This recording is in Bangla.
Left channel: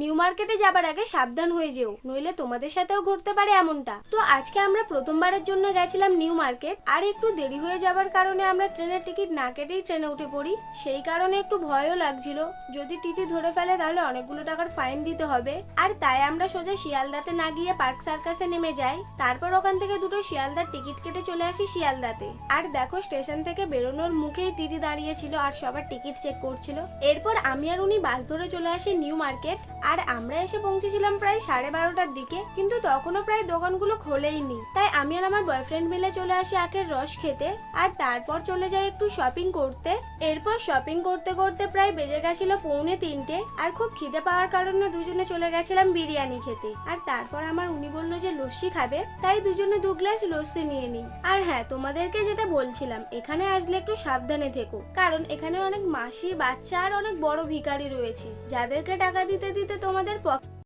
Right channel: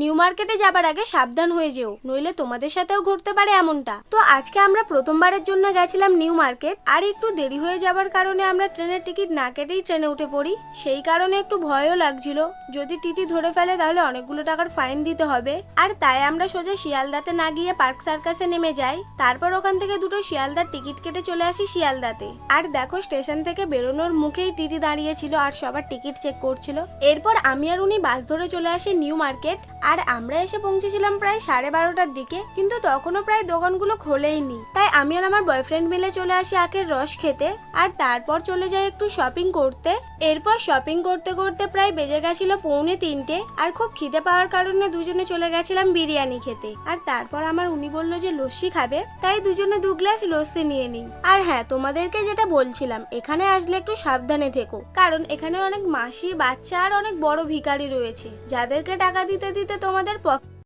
নিউ মার্কেটে যাবার আগে সাবধান হয়ে যেও, নইলে তোমাদের সাথেও ঘুরতে পারে এমনটা। তো আজকে আমরা প্রথমবারের জন্য গেছিলাম নিউ মার্কেট, আর একটু দেরি হয়ে যাবার কারণে আমরা ট্রেনের টিকিট না কেটেই ট্রেনে উঠে পড়ি। সেই কারণে একটু ভয়ও লাগছিল, যদি টিটি ধরে ফেলে তাহলে অনেকগুলো টাকার ফাইন দিতে হবে। আর তাই আমরা সোজা শিয়ালদাতে না গিয়ে পার্ক সার্কাসে নেমে যাই, তারপর ওখান থেকে দুটো শিয়ালদার টিকিট কেটে চলে আসি শিয়ালদাতে। আর দেখো স্টেশন থেকে বেরোনোর মুখেই টিটি দাঁড়িয়েছিল আর সবার টিকিট চেক করছিল। এরপর আমি আর উনি বাস ধরে চলে আসি নিউ মার্কেট, আর আমরা এসে পৌঁছেছিলাম প্রায় 12:30টার দিকে, কিন্তু তখনও প্রায় দোকানগুলো খোলেইনি। তাই আমি আর আমার বয়ফ্রেন্ড মিলে চলে আসি আখের রস খেতে, আর তারপর চলে যাই একটু শপিং করতে। এরপর শপিং করতে করতে প্রায় বেজে গেছিল 2:45, আর খুব খিদে পাওয়ার কারণে দুজনে চলে গেছিলাম বিরিয়ানি খেতে। আর তারপর আমার উনি বললো যে লস্যি খাবে, তাই দুজনে 2 গ্লাস লস্যি নিয়ে নিই। আর হ্যাঁ, তোমাদেরকে যেটা বলছিলাম, এখানে আসলে একটু সাবধানে থেকো, কারণ এখানে অনেক মাসি, বাচ্চা আর অনেক বড় ভিখারি রয়েছে, যাদেরকে টাকা দিতে দিতে তোমাদের